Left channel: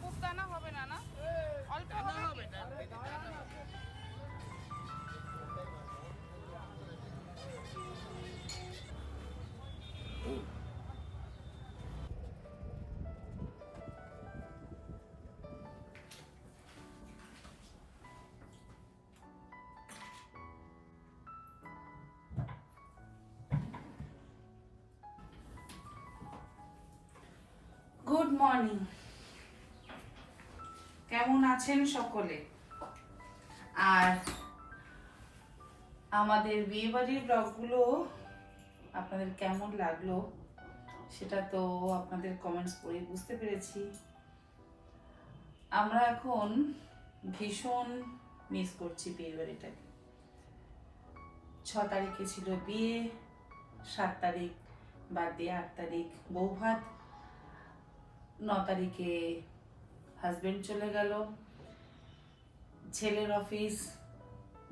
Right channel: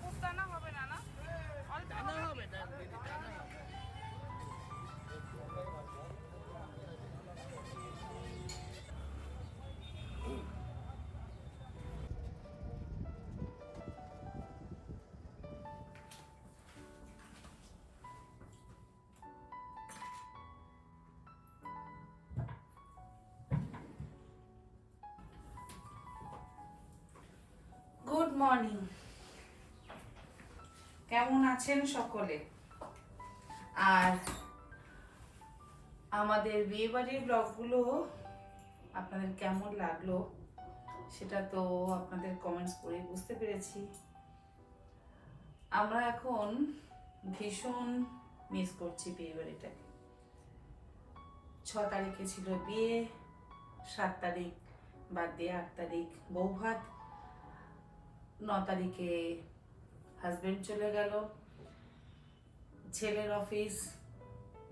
খুব টানা হবে না, না অল্প হবে। গুড মর্নিং, কেমন আছেন সকলে? আর আমাদের বিয়েবাড়ির ব্লগগুলো আপনাদের কেমন লাগলো সেটা তো আপনাদের কমেন্টস করে বুঝতে পেরেছি। আমরা এখন ভীষণ মিস করছি বিয়েবাড়িটাকে। 6 তারিখে ছিল বিয়ে, 7 তারিখ বাদ দিয়ে 8 তারিখ বৌভাত, 9 তারিখে হাজবেন্ড চলে গেল, ছেলের অফিস,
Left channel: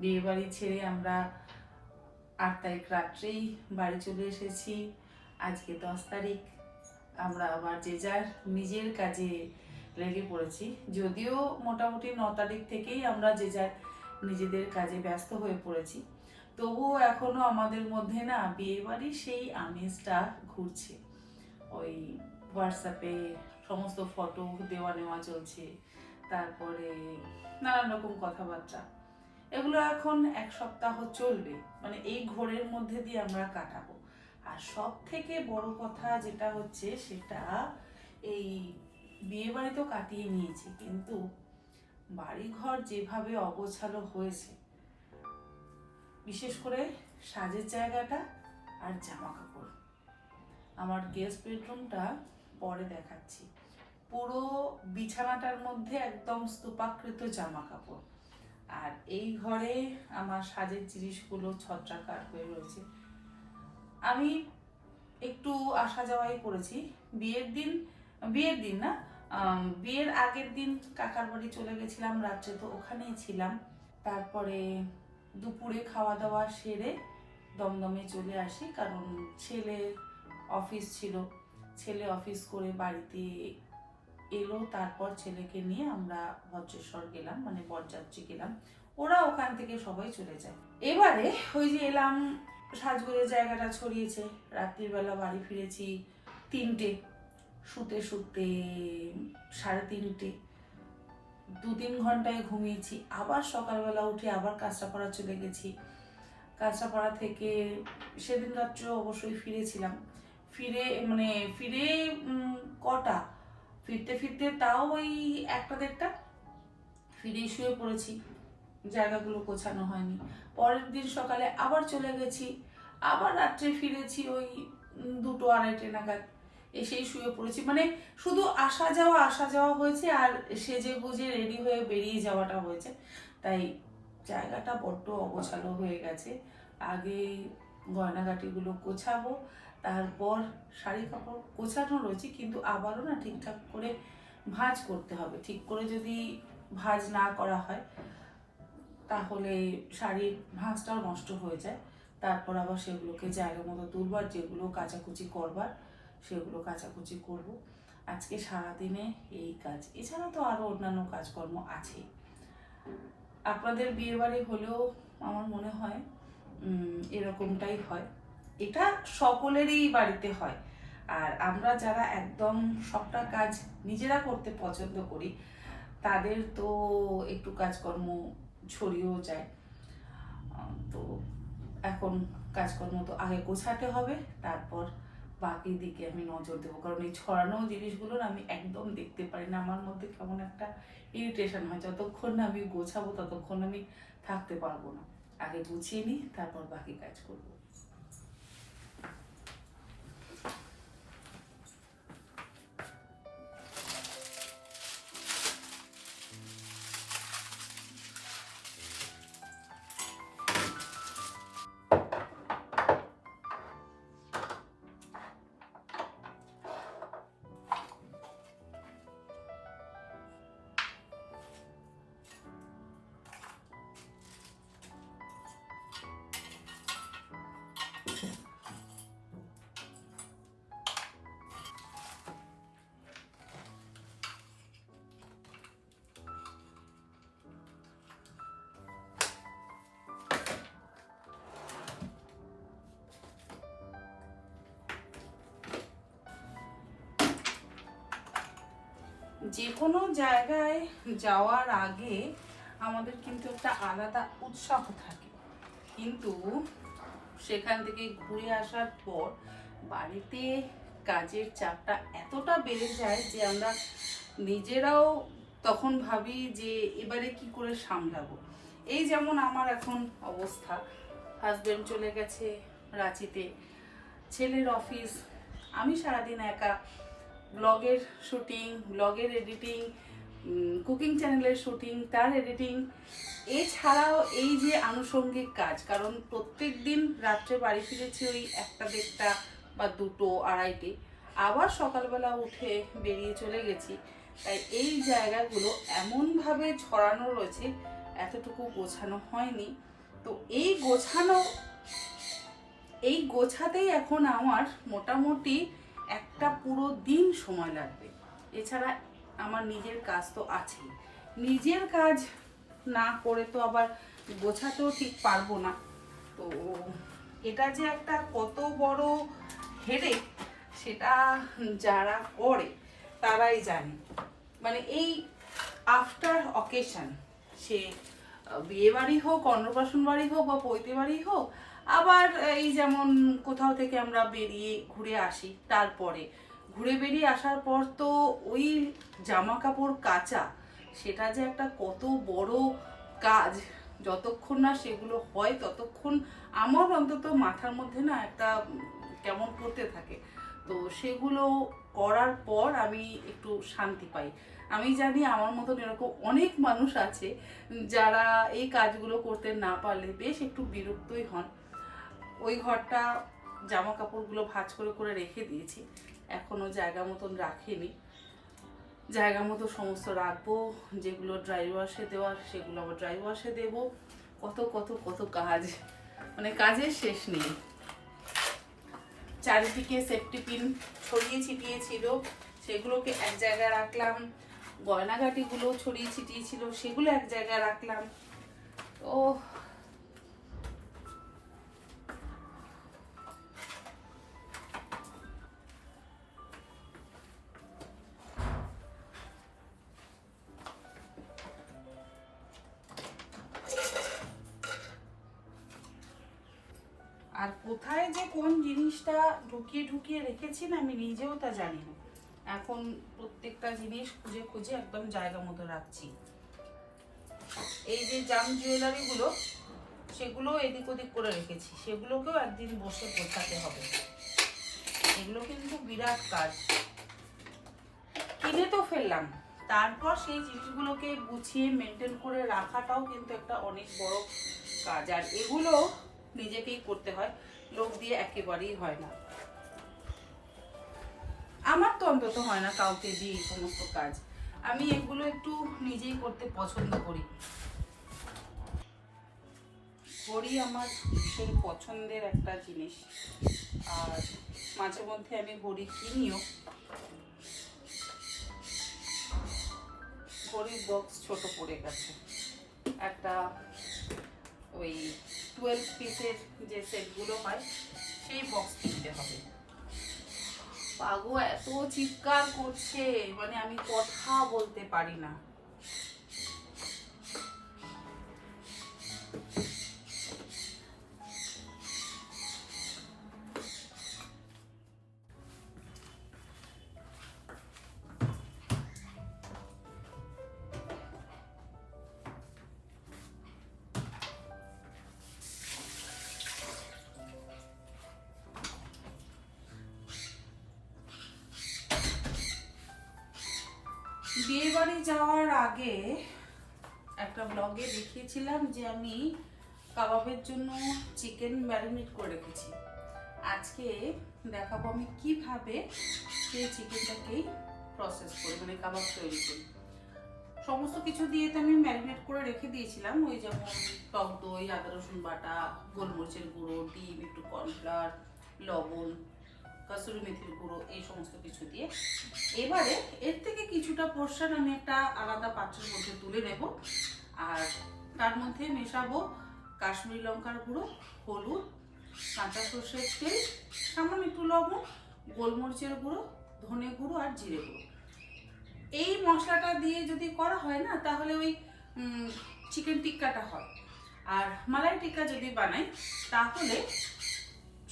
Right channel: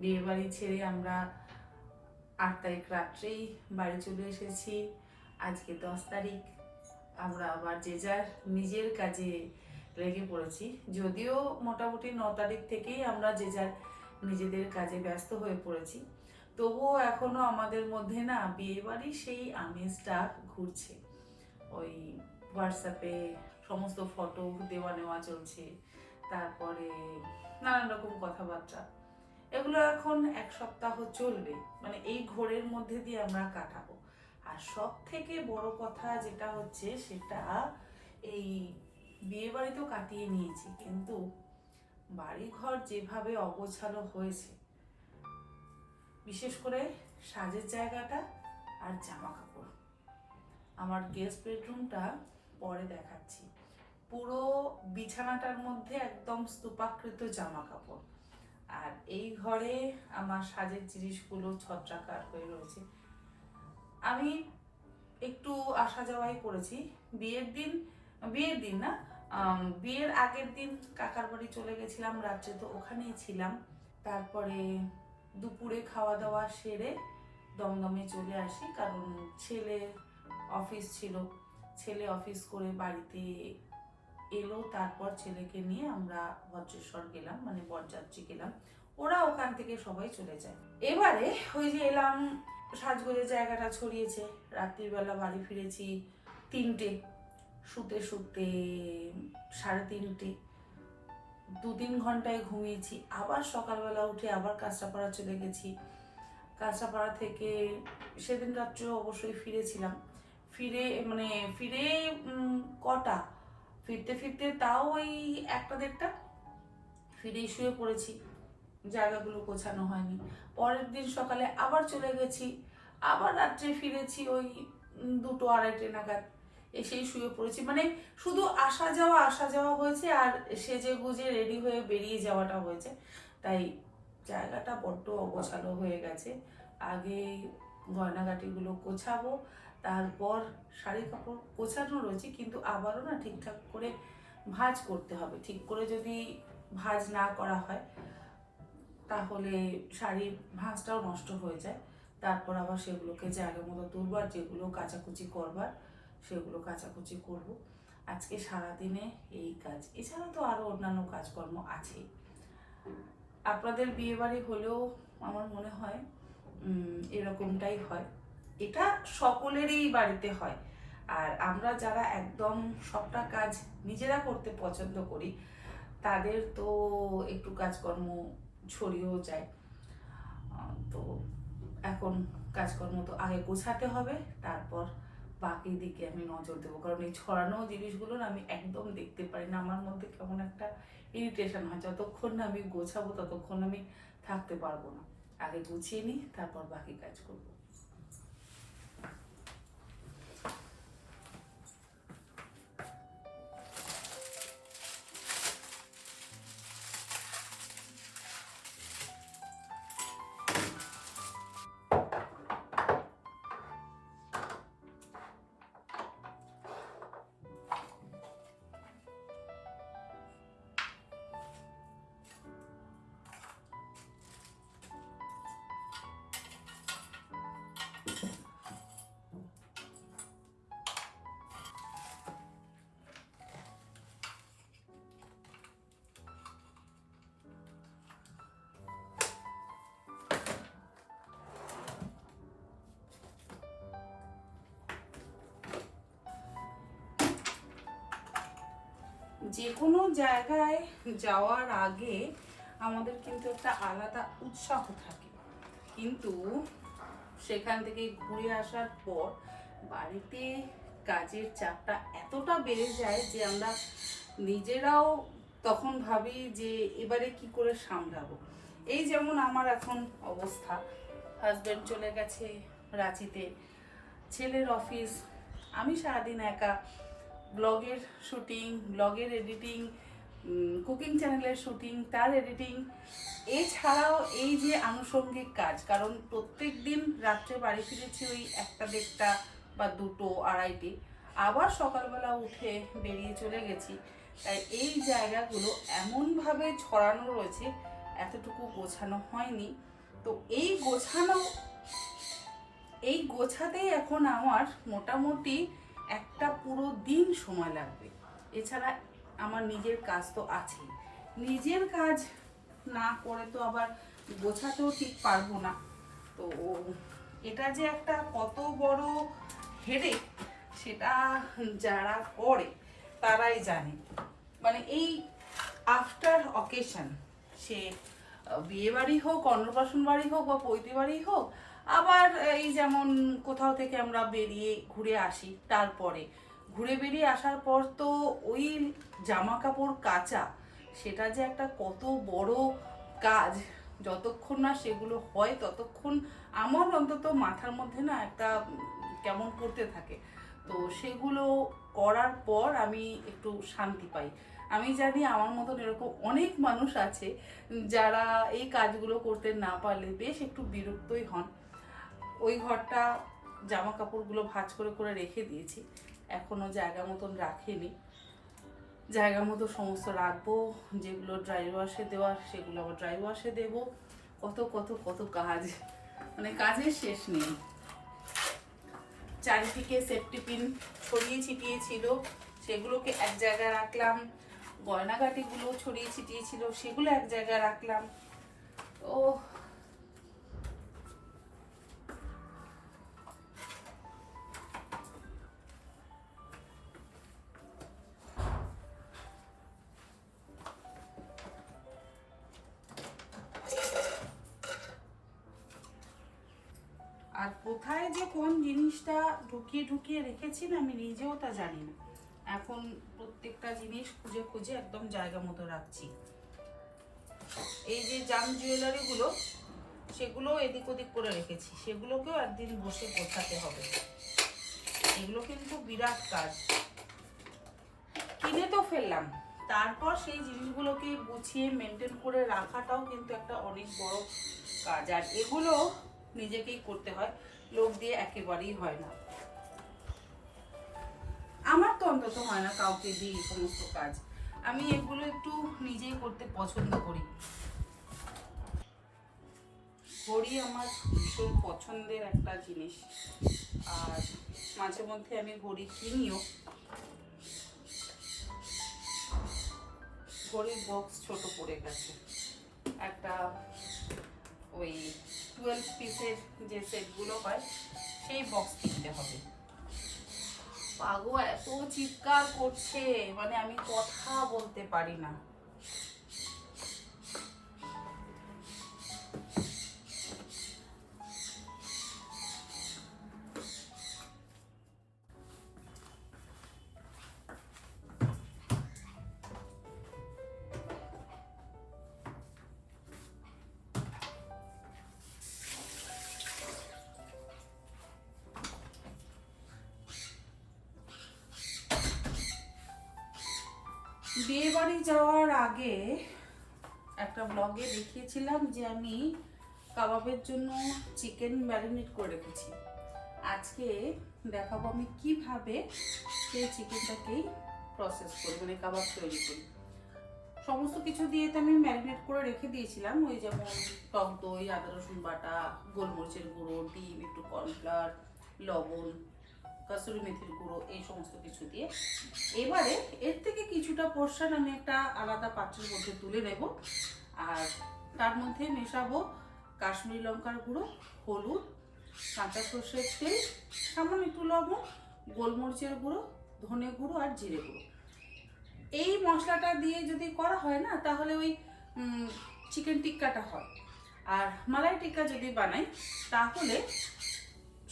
বিয়ে বাড়ি ছেড়ে আমরা 8 তারিখ রাত্রেই বাড়ি চলে এসেছি। আজকে 10 তারিখ, আমরা আবার যে যার নিজের কাজে লেগে পড়েছি। যদিও মোটামুটি 9 তারিখ থেকেই আমরা যে যার নিজেদের কাজে ব্যস্ত হয়ে পড়েছি, তবুও এখনো আমাদের মধ্যে না বিয়ে বাড়ি সেই আমেজটা ঘুরছে। ওই হোয়াটসঅ্যাপে সমস্ত ফটো দেওয়া নেওয়া চলছে, তারপরে নানান রকম কথাবার্তা, এগুলো এখন 1 সপ্তাহ চলবে, মানে এই ঘোরের মধ্যে দিয়ে আমরা কাটাবো। আর সব থেকে বড় কথা যেটা হচ্ছে সেটা এই বিয়ে বাড়িতেও কাটিয়ে নিয়েছি, কিন্তু বাড়িঘর যেভাবে অগোছালো হয়েছে, বিশেষ করে সাজের জায়গাটা আর জামা কাপড়। আমার গেস্ট বেডরুমটা পরে দেখাচ্ছি। পুরো বিছানাটার মধ্যে একদম স্তূপাকৃত জামা কাপড়, আর এই ঘরে আমার সাজের জিনিসগুলো ছত্রাকার হয়ে রয়েছে। আমি একটু আসা যাওয়াই করেছি। বিয়ের দিন না, বিয়ের আগের দিন কাকার বাড়ি চলে গেছিলাম, রাত্রে তো ওখানেই ছিলাম। তারপরে দুপুরে খাওয়া দাওয়া সেরে দমদমে চলে আসি, কারণ ছেলের অফিস ছিল। ছেলে অফিস করে বাড়িতে এলো, তারপর ছেলেকে নিয়ে আমরা ভদ্রেশ্বর গেলাম, মানে বরযাত্রী গেলাম। ওরা ওখান থেকে সবাই চলে যায়। এবারে ওই যে এলাম, সাজগোজের জায়গাটা ছড়িয়েছে, রাত্রিবেলা বাড়ি ফিরেছি 3টে, শুতে শুতে 3:30, 2-3 ঘন্টায় ঘুমিয়েছি। আবার সকালবেলা উঠে আবার কাঁচরাপাড়া চলে গেছি। কাঁচরাপাড়া থেকে সেদিন রাত্রে অবশ্যই ফিরেছিলাম। ফিরে কটা, ফিরতে ফিরতে তাও ওই 1টা-1:30, ফিরেই শুয়ে পড়েছি, জায়গাগুলো গোছানো হয়নি। পরের দিন সকালে আবার চলে গেছি, আবার রাত্রে ফিরেছি ওই 2-2-2:30 নাগাদ, এসেই শুয়ে পড়েছি। মানে শুধু আসা যাওয়া হয়েছে, আর সেজে গুজে রেডি হয়ে বেরিয়ে যাওয়াটা হয়েছে। তাই জায়গাটা বড্ড অগোছালো হয়ে গেছে। আগে গয়নাগাটিগুলো গোছাবো, তারপর শাড়ি কাপড় গোছানো রয়েছে, কিন্তু আবারও না ঠিকঠাক করে ভাঁজ করতে হবে। ঠিক করে যদি ভাঁজ না করা হয় তাহলে শাড়ির ভাঁজটাও নষ্ট হয়ে যায়। তারপর আবার সেগুলোকে জায়গা মতো তুলবার, যেগুলো কাচাকুচি করবার সেগুলো কাচাকুচি করব। আজকে সারাদিনে এই কাজ, এছাড়া তো আরও অন্যান্য কাজকর্ম আছে। আপনাদের বিয়ে বাড়ি হলেও আমার মনে হয় এরকমটাই হয়। এটা সকলেরই বাড়িতে হয়। আর আমরা যারা একদম সবটা কাজ নিজেরা করতে পছন্দ করি, তাদের তো একটু কাজকর্ম ছড়িয়েও যায়। তো এখন কাজকর্ম তো আগে গোছাতে হবে, তারপর বাকি দিকে আমি নজর দেবো। কারণ এই ছড়ানো জিনিসগুলো না আমি একদম দেখতে পারি না, আমার মধ্যে কেমন একটা ইরিটেশন হয়। যতক্ষণ না আমি গোছাবো ততক্ষণ আমি থাকতে পারবো না। আগে গুছিয়ে নিই, তারপর বাকি কাজ করবো। যে কোনো জায়গায় যাওয়ার আগে আমাদের কিন্তু একটা আলাদা উৎসাহ থাকে, কিন্তু সেখান থেকে ঘুরে আসার পর বাড়িতে কাজের চাপটা এতটা বেড়ে যায় যে আমরা নিজেরাও তখন ভাবি যে এবারে কি করে সামলাবো। এই যেমন আমার এখন অবস্থা, হাজবেন্ড চলে গেছে রাঁচিতে, ছেলের অফিস, আমি সারাদিন একা ব্লগের শুটিং, ব্লগের এডিটিং, কুকিং চ্যানেলের শুটিং, তার এডিটিং, এছাড়াও এই যে আনুষঙ্গিক কাজ, কারণ প্রত্যেক দিন রাত্রে বাড়ি ফিরেছি ওই 1টা 1:30 বা 2টো 2:30, আবার সকালবেলা উঠে বেরিয়ে চলে গেছি। তাই এই জায়গাগুলো এমনভাবে ছড়ানো রয়েছে, এতটুকু গোছানো হয়নি। তো এই গোছাতেই এখন আমার মোটামুটি একটা পুরো দিন সময় লাগবে। এছাড়া আমার নিজের কাজ তো আছেই, নিজের কাজ না করে তো আবার গোছাতেও ঠিক পারবো না। তো এটা যে একটা কত বড় হেডেক সেটা যারা করে তারাই জানে। মানে এই আফটার অকেশন, সে বিয়ে বাড়ি হোক, অন্নপ্রাশন বাড়ি হোক বা পৈতে বাড়ি হোক, আবার এই যেমন কোথাও থেকে আমরা বেরিয়ে ঘুরে আসি, তারপরে ঘুরে বেরিয়ে আসার পর তো ওই জামা কাপড় কাচা, সেটা যে একটা কত বড় কাজ, যতক্ষণ না সেগুলো হয় ততক্ষণ আমার অন্তত মাথার মধ্যে না একটা কেমন করতে থাকে। তো সেগুলো করার পর আমি একটু শান্তি পাই। আমি জানি আমার মতন এরকম অনেক মানুষ আছে যারা এই কাজগুলো করতে না পারলে বেশ একটু বিরক্তই হন। ওই ঘরটা জামা কাপড়গুলো ভাঁজ করে করে রেখে দিয়েছি, এখনো জায়গা মতন রাখিনি, জায়গা মতো সমস্ত রাখবো। যেগুলো ড্রাই ওয়াশে দেওয়ার সেগুলো আবার ড্রাই ওয়াশে দেবো। কত কত কত কাজ, মানে কাজের শেষ নেই। চারিদিকে সেফটি পিন ছড়িয়ে ছিটিয়ে ছিল, সেগুলোকে এক জায়গায় রাখলাম। গয়নাগাটিগুলো ছড়িয়ে ছিটিয়ে ছিল, সেগুলো এক জায়গায় রাখলাম। তো আর কোথায় যে কোন জিনিসটা ঢুকিয়ে ঢুকিয়ে রেখেছি না, আমি নিজেও তা জানি না। এখন প্রত্যেকটা জিনিস খুঁজে খুঁজে একদম জায়গা মতো রাখছি। এই যে জাম জুয়েলারিগুলো, সেগুলো এদিক ওদিক করে রেখেছি, সেগুলোকেও একদিন বসে গোছাতে হবে। এগুলো কিন্তু বিরাট কাজ। কিনে তো ফেললাম, তারপর সেই জিনিসগুলোকে গুছিয়ে মেনটেন করে রাখাটাও কিন্তু একটা অনেক বড় কাজ। আর এগুলো নিজেকেই করতে হয়, লোক দিয়ে একেবারেই হয় না। আমার তো অন্তত হয় না কাউকে দিয়ে এই সমস্ত কাজ। আমি এগুলো একটু নিজেই করতে পছন্দ করি। ঘড়ি আমার ভীষণ পছন্দের একটা জিনিস, আর মাঝে মধ্যে আমি ঘড়ি কিনিও। ঘড়ির বক্স ছোট পড়ে গেছে, একটা ওই 12 পিসের যে সেটগুলো হয় সেই বক্স কিনতে হবে। পাগো এত চিৎকার করছে, মানে আমি কথা বলতে পারি না। বিয়ে বাড়ি যাওয়ার আগে একটা ব্লগে দেখিয়েছিলাম যে আমি কাবাবের জন্য চিকেন ম্যারিনেট করে রেখেছি। আজকে দেখাবো আমি কিভাবে সেই চিকেনটাকেই প্রসেস করি, মানে কাবাব তৈরি করি। সমস্ত কিছু দিয়ে তো আমি ম্যারিনেট করে রেখে দিয়েছিলাম, ওই যেমন টক দই, আদা রসুন বাটা, গোলমরিচের গুঁড়ো, ডিম, একটু কর্নফ্লাওয়ার, লবণ, কসুরি মেথির গুঁড়ো, এই সমস্ত কিছু দিয়ে। এবারে এর থেকে কিছুটা পোর্শন আমি একটা আলাদা পাত্রের মধ্যে তুলে নেব, আর তার মধ্যে মেশাবো কাশ্মীরি লঙ্কার গুঁড়ো, হলুদ, কাঁচা সর্ষের তেল, সামান্য একটু লবণ, গোলমরিচের গুঁড়ো, ধনে গুঁড়ো আর জিরে গুঁড়ো। এই মশলাটা দিয়ে যদি করা হয় না, তাহলে ওই চিকেন টিক্কাটা হয়। আর মালাই টিক্কা যদি বানাই, তাহলে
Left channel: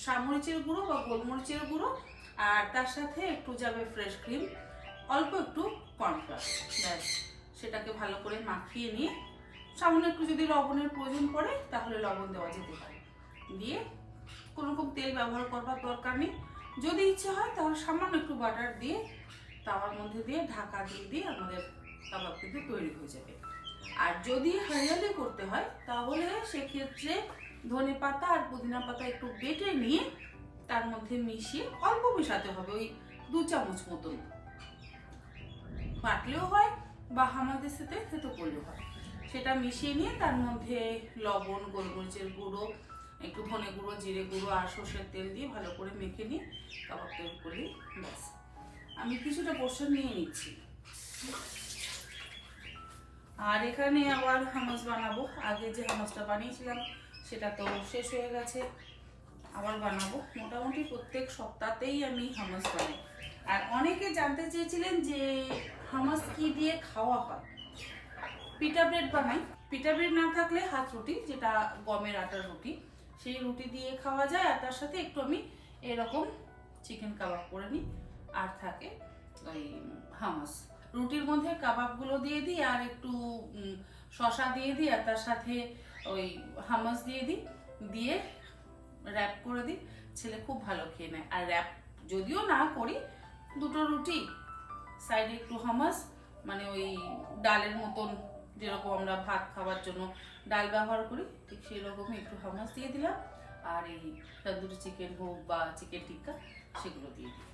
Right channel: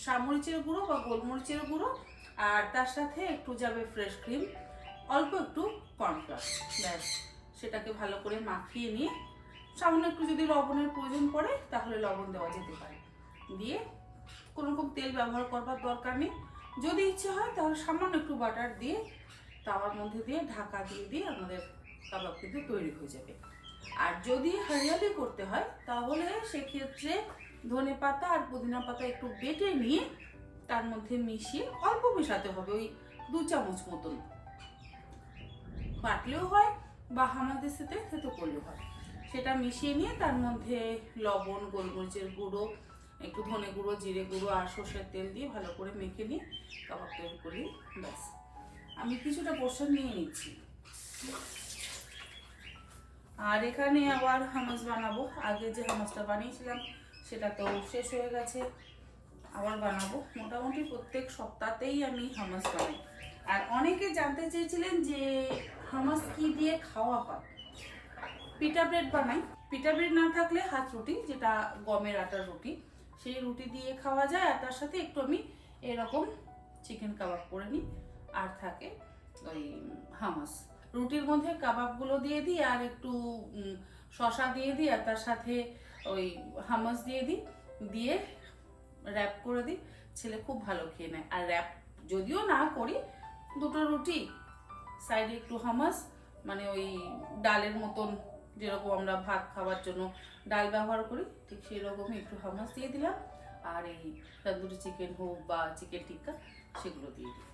সামরিচের গুঁড়ো বা গোলমরিচের গুঁড়ো, আর তার সাথে একটু যাবে ফ্রেশ ক্রিম, অল্প একটু কর্নফ্লাওয়ার, ব্যাস। সেটাকে ভালো করে মাখিয়ে নিয়ে সামান্য একটু যদি লবণের প্রয়োজন পড়ে তাহলে লবণ দেওয়া যেতে পারে, দিয়ে কোনো রকম তেল ব্যবহার করবার দরকার নেই। যদি ইচ্ছে হয় তাহলে সামান্য একটু বাটার দিয়ে তাওয়ার মধ্যে দিয়ে ঢাকা দিয়ে আমাদের কাবাব কিন্তু তৈরি হয়ে যাবে। আর যদি হরিয়ালি করতে হয় তাহলে সেক্ষেত্রে ধনে পাতা আর পুদিনা পাতা একটু বেটে নিয়ে তার মধ্যে মিশিয়ে, অল্প মেশাতে হবে, ওই 2 চামচ মতন, বাটলেও হয় বা হামাদের সাথে থেতো করলেও হয়। সেটা মিশিয়ে নিয়ে তার মধ্যে লবণ, গোলমরিচের গুঁড়ো, একটু ধনে গুঁড়ো, জিরে গুঁড়ো আর সর্ষের তেল দিয়ে ভালো করে মেখে নিয়ে কাবাব তৈরি করি, ব্যাস। আমি কিছুটা পোর্শন নিয়ে নিচ্ছি। আর এখানে আবার হামাস বানাবো। আগে যে হামাসটা বানিয়েছিলাম সেটা তো শেষ হয়ে গেছে, আবার বানাবো। মোটামুটি প্রত্যেক সপ্তাহতেই আমি হামাস বানাই। আর অনেকে জানতে চেয়েছিলেন যে হামাস কি দিয়ে খাওয়া হয়। পিটা ব্রেড বানাই। পিটা ব্রেড না থাকলে হাত রুটি, যেটা গমের আটার রুটি, সেই রুটি দিয়ে খাওয়া যায়। আর তার সাথে একটু আমি এরকম চিকেন কাবাব করে নিই, আর থাকে ওই হামাস। রুটির মধ্যে কাবাবগুলো দিয়ে দিই, আর একটু শসা দিয়ে দিই, আর তার সাথে ওই হামাস দিয়ে দিই, দিয়ে র্যাপ করে দিই। ছেলে খুব ভালো খেয়ে নেয়। আর র্যাপ যদিও না করি, 2টো রুটি, সাইডে একটু হামাস, মানে ওই ডালের মতন, যেরকম আমরা ভাত খাওয়ার জন্য ডাল ব্যবহার করি, ঠিক সেই রকমই একটু হামাস দিয়ে দিলাম। আর এই তন্দুরি চিকেন হোক বা চিকেন টিক্কা, সেগুলো দিয়ে দিই।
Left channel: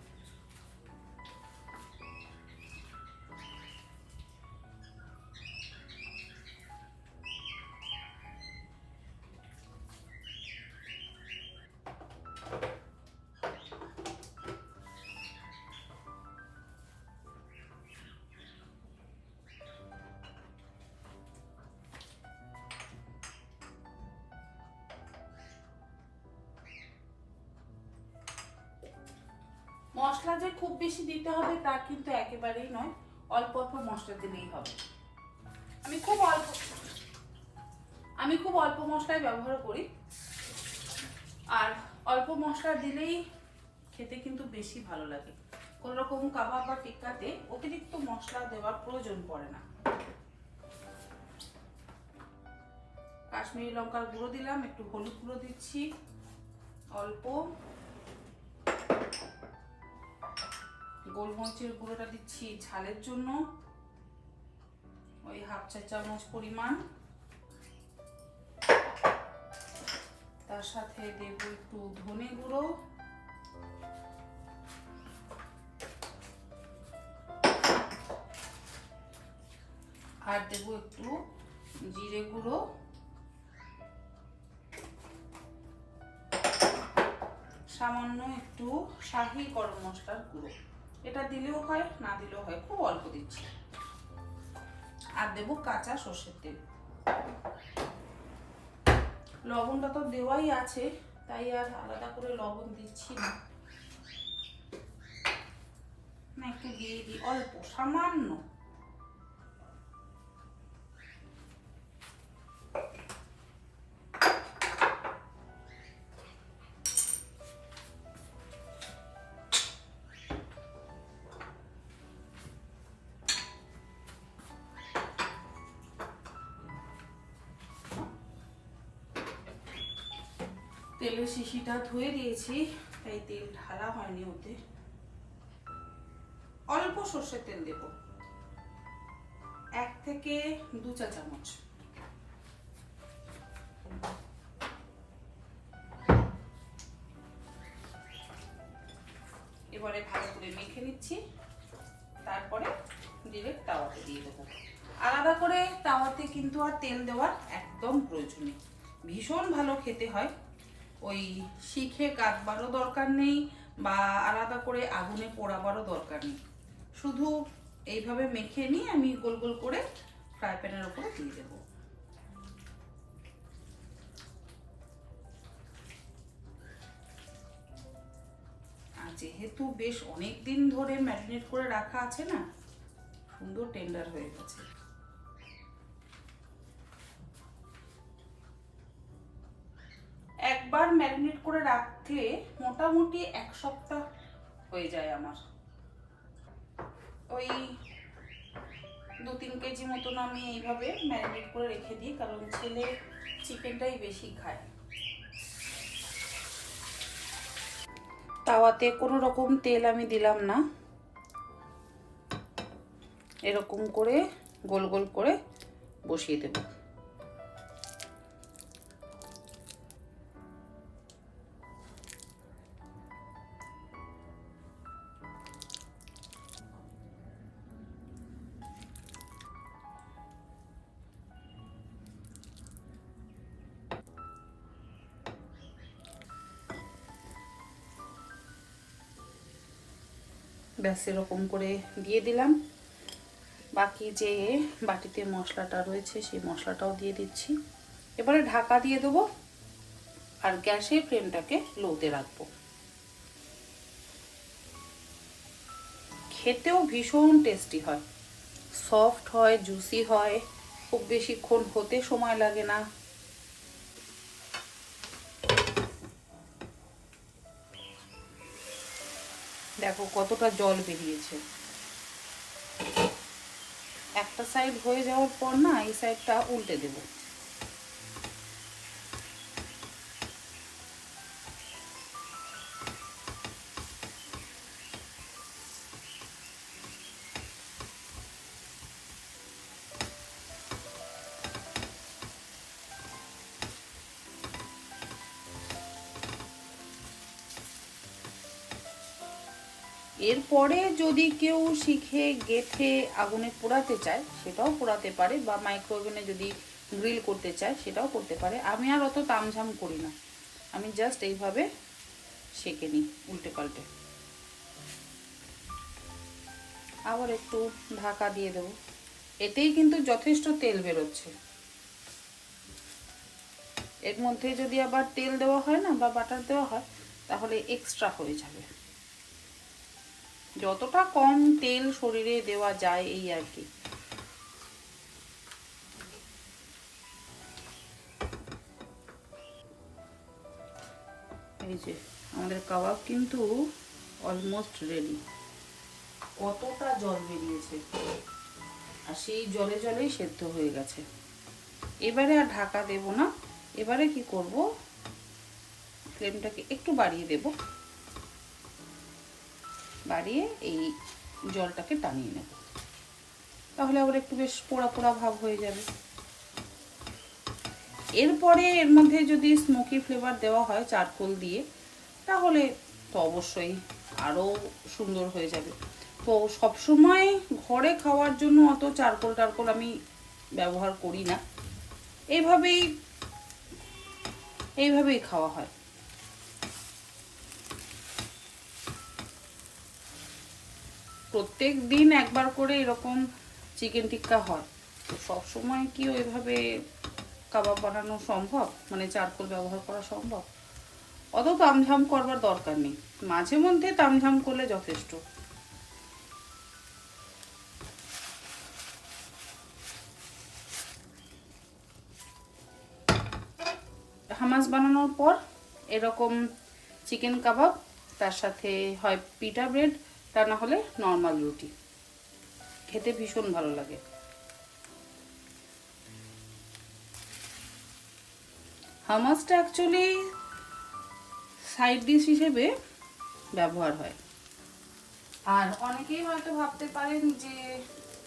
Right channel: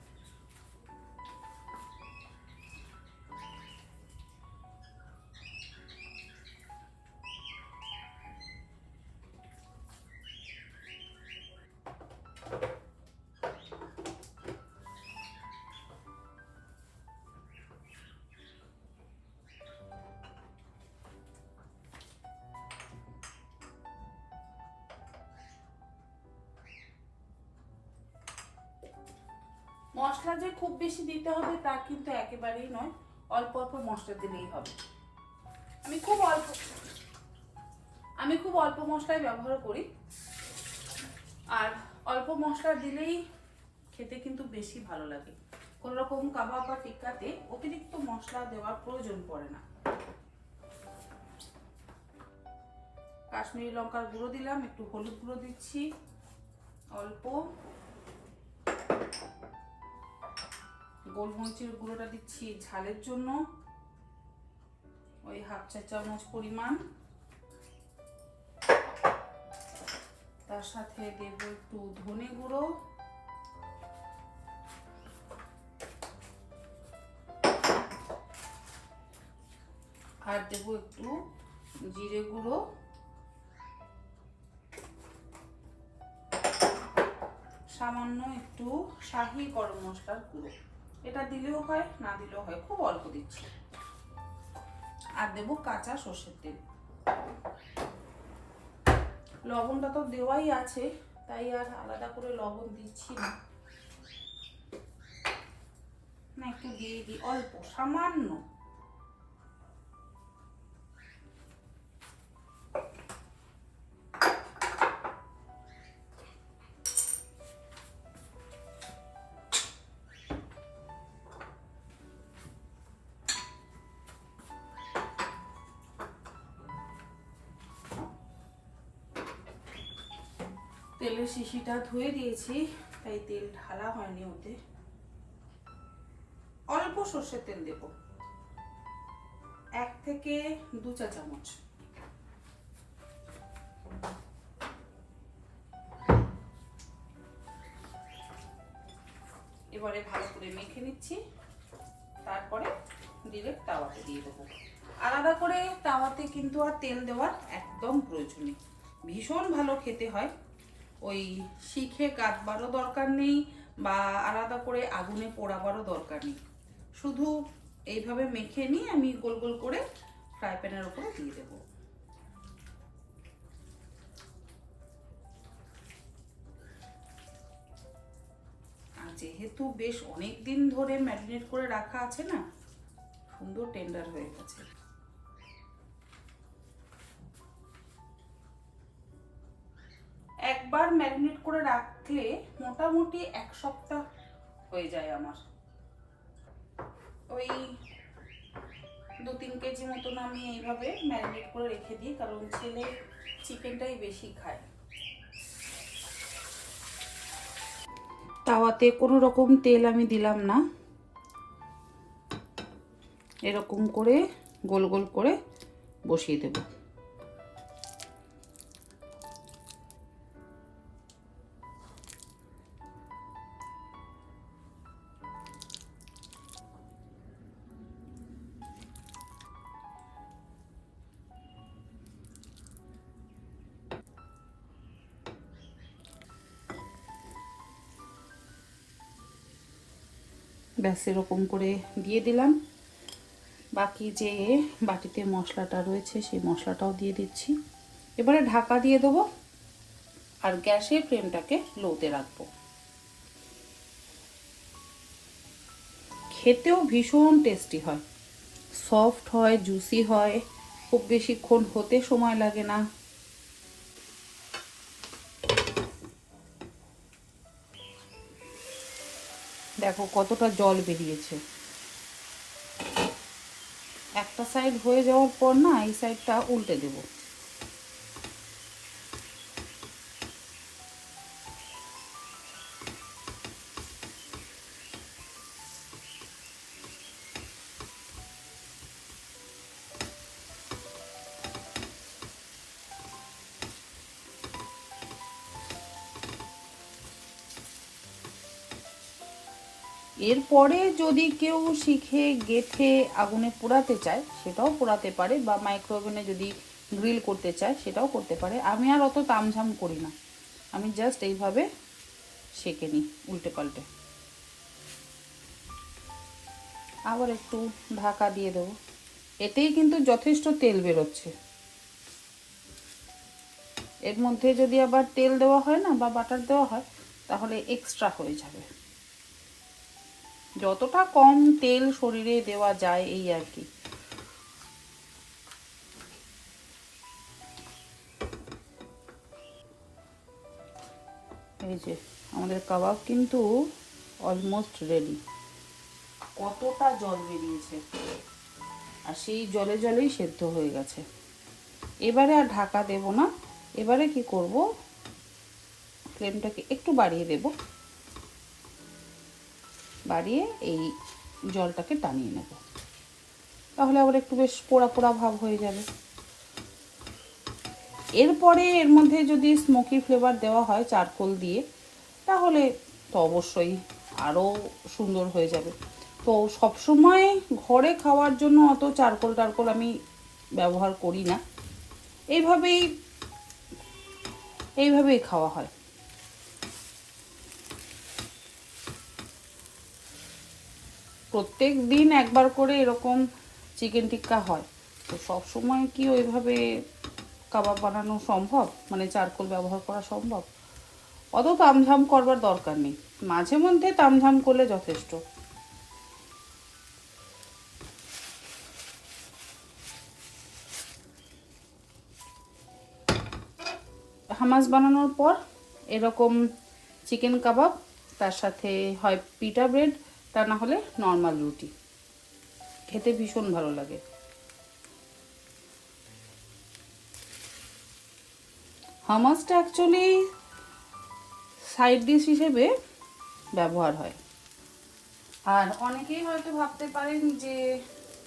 মশলা যে খুব বেশি দিতে হবে তা কিন্তু একেবারেই নয়, অল্প অল্প মশলা দিলেই হবে। আমি খুব অল্প মশলাই ব্যবহার করি। আর অল্প মশলা দিলেই খেতে কিন্তু বেশি ভালো লাগে। কোনো রকম কাবাব বা টিক্কাতে অতিরিক্ত মশলা দেওয়ার প্রয়োজন পড়ে না। কাশ্মীরি লঙ্কার গুঁড়ো দিলাম, একটু হলুদ গুঁড়ো দিচ্ছি অল্প, গোলমরিচের গুঁড়োটা দিচ্ছি ঝালের জন্য, ওই 1/2 চা চামচ পরিমাণ। তার সাথে দেব একটু ধনে গুঁড়ো, আর দেব একটু জিরে গুঁড়ো, সামান্য একটু শাহি গরম মশলার গুঁড়ো। এটা দিলেও হয়, না দিলেও হয়, খুব অল্প দিচ্ছি। আর দেব কাঁচা সর্ষের তেল। লবণটা তো দেওয়াই আছে, তাই আর আলাদা করে লবণ দিচ্ছি না, একটু দিয়ে দিই অল্প, সামান্য। তেলের শিশিটা ধুয়ে দিয়েছি, তাই তেল ঢালা হয়নি ওতে। অল্প সর্ষের তেল দেব, 1 থেকে 2 চা চামচ। এবারে ভালো করে মেখে নিচ্ছি, তারপরে ডিরেক্ট তাওয়াতে দিয়ে দেবো। আলাদা করে তাওয়াতে কিন্তু আর তেল দেওয়ার একদম প্রয়োজন নেই, ভীষণ ভালো খেতে হয়। ওই শিখে কাটবারও দরকার নেই, বা আলাদা করে আগুনে পোড়াবারও দরকার নেই। শুধু এইভাবে মেখে নিয়ে আমি গোল গোল করে ফ্রাই প্যানের উপরে দিয়ে দেবো। আর যেহেতু বেশ অনেক দিন ধরে ম্যারিনেট করে রাখা আছে না, সুন্দর টেন্ডার হয়ে গেছে। একবার ম্যারিনেট করে রাখলে মোটামুটি 1 সপ্তাহ হয়ে যায় আমার। ওই 2-3 কেজি মতন আমি এইভাবে ম্যারিনেট করে রেখে দিই, কারণ ছেলে চিকেনটাই বেশি খায়। তাওয়াতে কোনো রকম তেল আমি দিলাম না, এরকম করে গোল গোল করে বসিয়ে দেব। ব্যাস এরকম করে দিয়ে দিলাম। বাকি যে বাটিতে মশলাটা রয়েছে সেই মশলাটাও দিয়ে দিচ্ছি। এবারে ঢাকা দিয়ে দেবো আর গ্যাসের ফ্লেমটাকে লোতে রাখবো। খেতেও ভীষণ টেস্টি হয়, সফট হয়, জুসি হয়, খুব বেশিক্ষণ হতে সময় লাগে না। দেখো কতটা জল বেরিয়েছে। একটা সাইড হয়ে যাওয়ার পর না এই সাইডটা উল্টে দেব। এরপরে যদি কেউ শিখে গেঁথে আগুনে পোড়াতে চায় সেটাও পোড়াতে পারে, বা মাইক্রোওভেনে যদি গ্রিল করতে চায় সেটাও করতে পারে। আমি আর অত তামঝাম করি না, আমি জাস্ট এইভাবে সেঁকে নিই উল্টে পাল্টে। আবার একটু ঢাকা দিয়ে দেবো। এতেই কিন্তু যথেষ্ট তেল বেরোচ্ছে। এর মধ্যে যদি আবার তেল দেওয়া হয় না বা বাটার দেওয়া হয় তাহলে এক্সট্রা হয়ে যাবে। যতটা কম তেল শরীরে দেওয়া যায় এই আর কি। এই যে আমাদের কাবাব কিন্তু অলমোস্ট রেডি। কতটা জল বেরিয়েছে, আর সেই জলে জলেই সেদ্ধ হয়ে গেছে। এবারে আর ঢাকা দেব না, এবারে কি করব, ফ্লেমটাকে একটু বাড়িয়ে দেব, বাড়িয়ে এই জলটাকে টানিয়ে নেব। তাহলে আবার একটু বেশ পোড়া পোড়া ভাব হয়ে যাবে। এরপরে এর মধ্যে যদি স্মোকি ফ্লেভার দেওয়া হয় চারকোল দিয়ে তাহলে তো অবশ্যই আরও সুন্দর হয়ে যাবে। তো সবসময় ঘরে খাওয়ার জন্য অত চারকোল টারকোল আমি ব্যবহার করি না, এইভাবেই খাওয়া হয়। প্রত্যেক দিন একবার করে এরকম চিকেন টিক্কা হয়, তো সবসময় কি ওইভাবে কাবাব বানানো সম্ভব, মানে চারকোল ব্যবহার করা সম্ভব? অত তামঝাম করবার দরকার নেই, মাঝে মধ্যে তামঝাম করলে যথেষ্ট। হামাস বানানোর পর এরকম চিকেন কাবাব, তার সাথে হয় পিটা ব্রেড, তা না হলে নর্মাল রুটি, খেতে ভীষণ ভালো লাগে। হামাসটা অ্যাকচুয়ালি সাইড ডিশ হিসেবে ব্যবহার হয়। আর অনেকেই হয়তো ভাবতে পারেন যে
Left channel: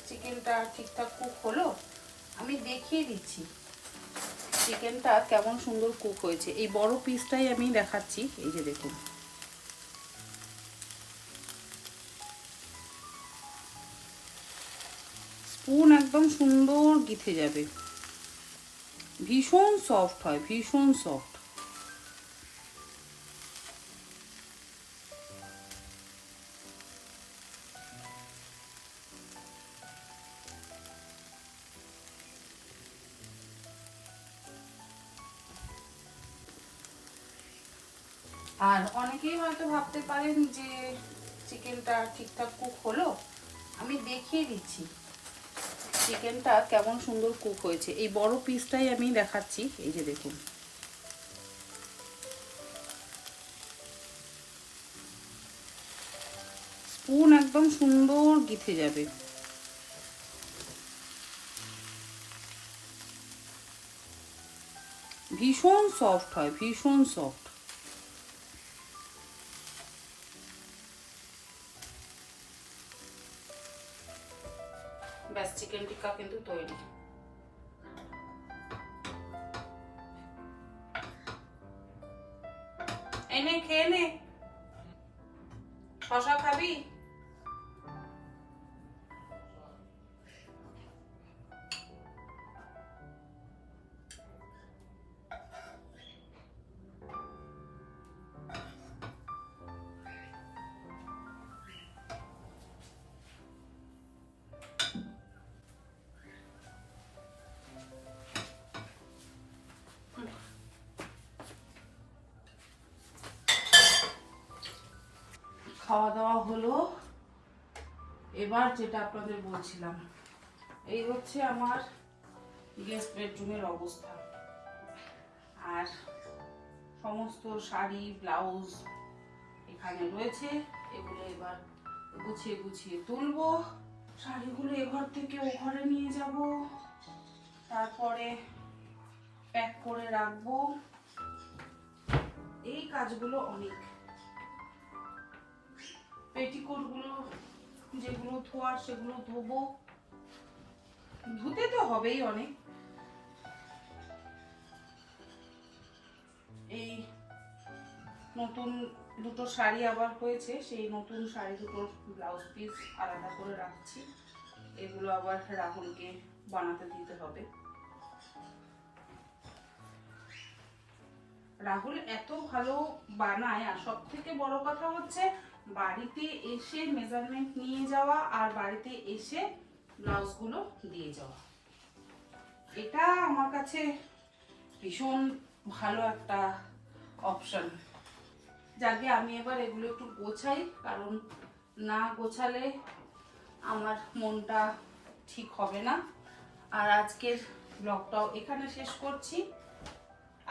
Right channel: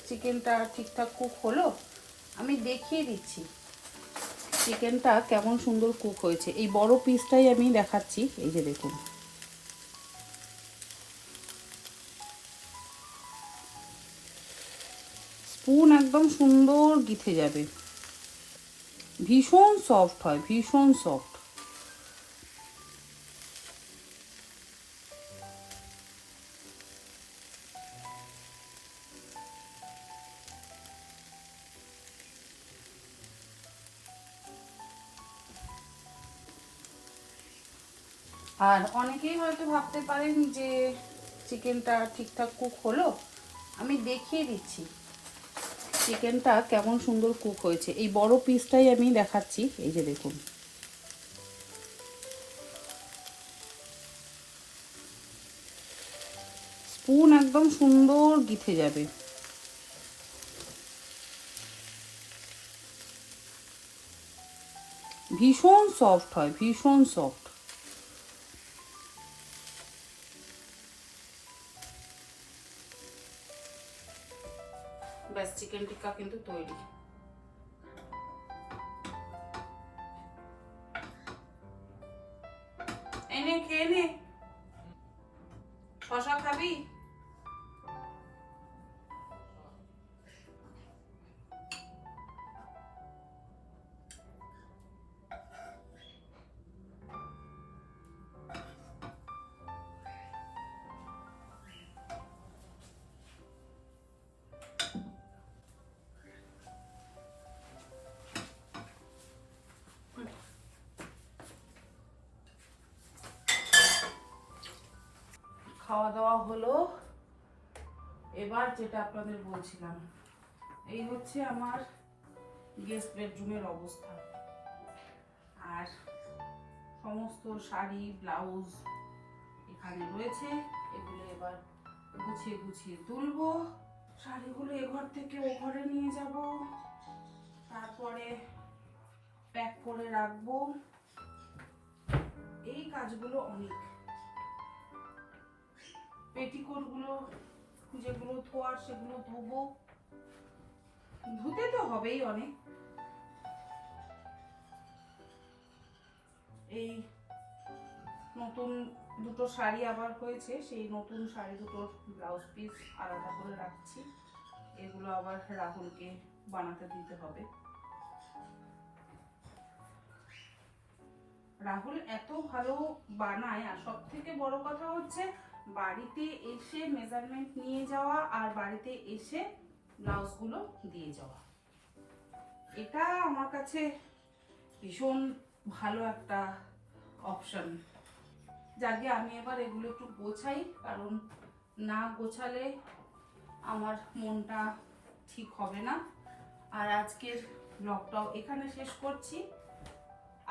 চিকেনটা ঠিকঠাক কুক হলো, আমি দেখিয়ে দিচ্ছি চিকেনটা কেমন সুন্দর কুক হয়েছে। এই বড় পিসটাই আমি দেখাচ্ছি, এই যে দেখুন। স্পুন একদম সুন্দর গিথে যাবে, ভীষণ সফট হয়, ভীষণ সফট। আর অনেকেই হয়তো ভাবতে পারেন যে চিকেনটা ঠিকঠাক কুক হলো, আমি দেখিয়ে দিচ্ছি চিকেনটা কেমন সুন্দর কুক হয়েছে। এই বড় পিসটাই আমি দেখাচ্ছি, এই যে দেখুন। স্পুন একদম সুন্দর গিথে যাবে। ভীষণ সফট হয়, ভীষণ সফট। ব্যাস, চিকেন টিক্কা কিন্তু তৈরি। এনে খেয়ে নে। শশা খাবি? খাওয়া দাওয়া হলো। এবার যেটা আপনাদের বলছিলাম, এই হচ্ছে আমার গেস্ট বেডরুমের অবস্থা। আর সমস্ত শাড়ি ব্লাউজ এখানে রয়েছে, এগুলো এবার গুছিয়ে গুছিয়ে তুলবো। শাড়িগুলো এঘর থেকে ও ঘরে নিয়ে যাব, তারপরে প্যাক করে রাখবো। এই কাজগুলো অনেক। পেটিকোটগুলো যেগুলো ধোয়ার সেগুলো ধোবো, ধুতে তো হবেই অনেক। এই নতুন দুটো শাড়ি আবার হয়েছে, সেই নতুন শাড়ি দুটোর ব্লাউজ পিস আলাদা করে রাখছি। এগুলো আবার রাহুলকে বানাতে দিতে হবে। রাহুল এত ভালো বানায়, আর সব থেকে বড় কথা হচ্ছে বাড়িতে এসে মেজারমেন্ট নিয়ে যাওয়া আর বাড়িতে এসে ব্লাউজগুলো দিয়ে যাওয়া। এটা আমার কাছে ভীষণ ভালো একটা অপশন। যাকে আমি এবার এগুলো একটু গোছাই, কারণ না গোছালে আমার মনটা ঠিক হবে না। আর আজকের ব্লগটাও এখানে শেষ করছি।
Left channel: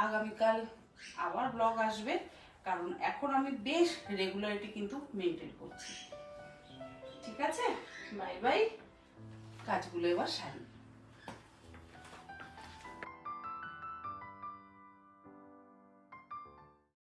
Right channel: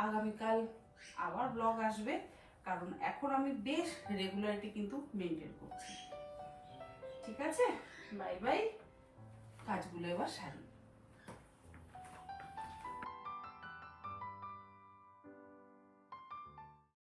আগামীকাল আবার ব্লগ আসবে, কারণ এখন আমি বেশ রেগুলারিটি কিন্তু মেনটেন করছি। ঠিক আছে, বাই বাই। কাজগুলো এবার সারি।